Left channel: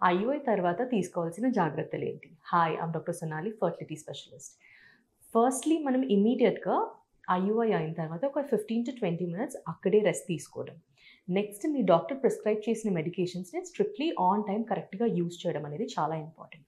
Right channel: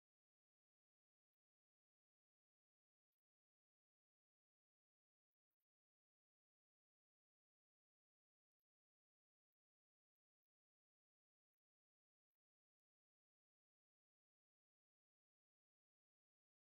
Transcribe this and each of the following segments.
IUI తర్వాత తీసుకోవాల్సిన జాగ్రత్తలేంటి? Hi, I'm doctor Sonali, fertility specialist. Firstly మనం ఇమ్మీడియేట్‌గా ఐయుఐ అయిన తర్వాత ఒక 15-20 మినిట్స్ అక్కడే రెస్ట్ తీసుకోవడం. నెక్స్ట్ మీ డాక్టర్ ప్రిస్క్రైబ్ చేసిన మెడికేషన్స్‌ని స్ట్రిక్ట్‌లీ ఆన్ టైమ్ కరెక్ట్‌గా యూజ్ చేయడం అనేది చాలా important.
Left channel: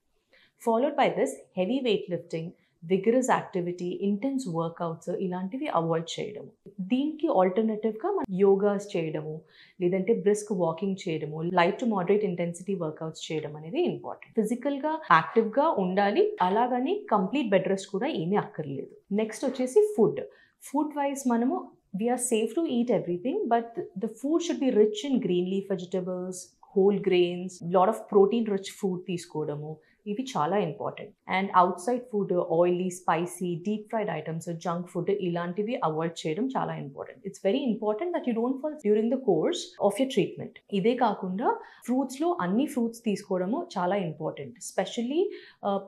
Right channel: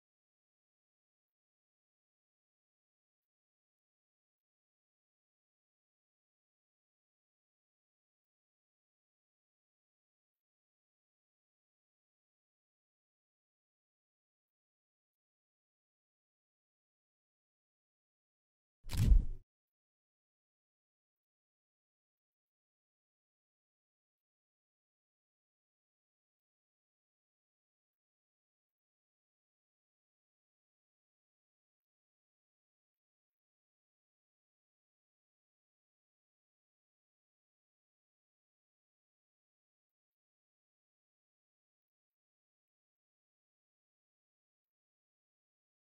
Followed by this heavy weight lifting, vigorous activity, intense workouts ఇలాంటివి అవాయిడ్ చేయడము. దీనికి ఆల్టర్‌నేటివ్‌గా మనం యోగాస్ చేయడము, లేదంటే బ్రిస్క్ వాకింగ్ చేయడము, light to moderate intensity workouts చేయడం అనేది ఇంపార్టెంట్. ఫిజికల్‌గా యాక్టివ్‌గా ఉండాలి. అలాగని కంప్లీట్ బెడ్ రెస్ట్ కూడా ఏమీ అక్కర్లేదు. నెక్స్ట్ వచ్చేసి ఫుడ్. ఫుడ్ వైస్ మనము we are safe to eat everything, but the food should be rich in green leaf vegetables, whole grains, lot of protein rich food తీసుకోవడము. ఇవి చాలా important. And outside food, oily, spicy, deep fried items, junk food ఇలాంటివి avoid చేయడం చాలా important. It's very important that you don't fall during the course of your treatment. ఇదే కాకుండా ఫ్రూట్స్‌లో అన్ని ఫ్రూట్స్ తీసుకోవడము చాలా important. Specially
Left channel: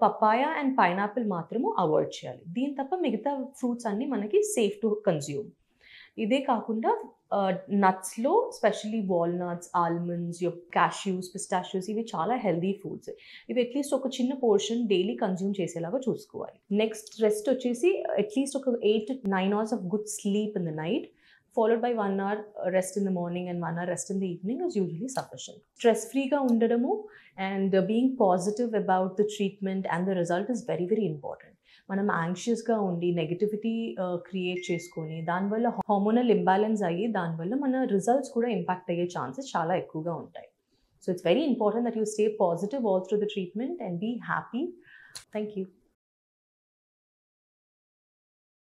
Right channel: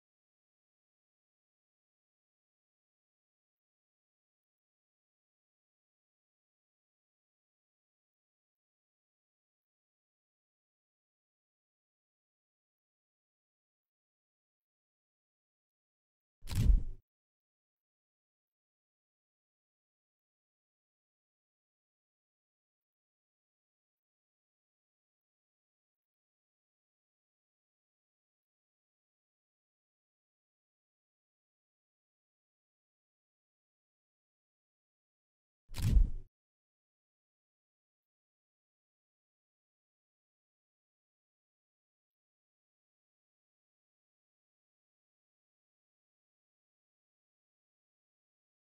papaya and pineapple మాత్రము అవాయిడ్ చేయాలి. దీని తప్ప మిగతా ఫ్రూట్స్ అన్నీ మనకి సేఫ్ టు కన్జ్యూమ్. ఇదే కాకుండా నట్స్‌లో స్పెషల్లీ వాల్‌నట్స్, ఆల్మండ్స్, కాష్యూస్, పిస్టాషియోస్ ఇవి చాలా హెల్తీ ఫుడ్స్. ఇవి అట్‌లీస్ట్ ఒక చిన్న పోర్షన్ డైలీ కన్జ్యూమ్ చేసేలాగా చూసుకోవాలి. నెక్స్ట్ రెస్ట్ వచ్చేసి అట్‌లీస్ట్ ఒక 8-9 hours of good sleep in the night, followed by 1 hour rest in the morning and 1 hour rest in the evening is usually sufficient. Stress ఫ్రీగా ఉండడము and being positive about the treatment and the result is very very important. మనం యాంగ్షియస్‌గా ఉండి negativity create చేసుకొని దానివల్ల hormonal imbalance అయ్యి దానివల్ల మన రిజల్ట్స్ కూడా ఇంపాక్ట్ అయ్యే ఛాన్సెస్ చాలా ఎక్కువగా ఉంటాయి. So it's very important that you stay positive all through the treatment and be happy. Thank you.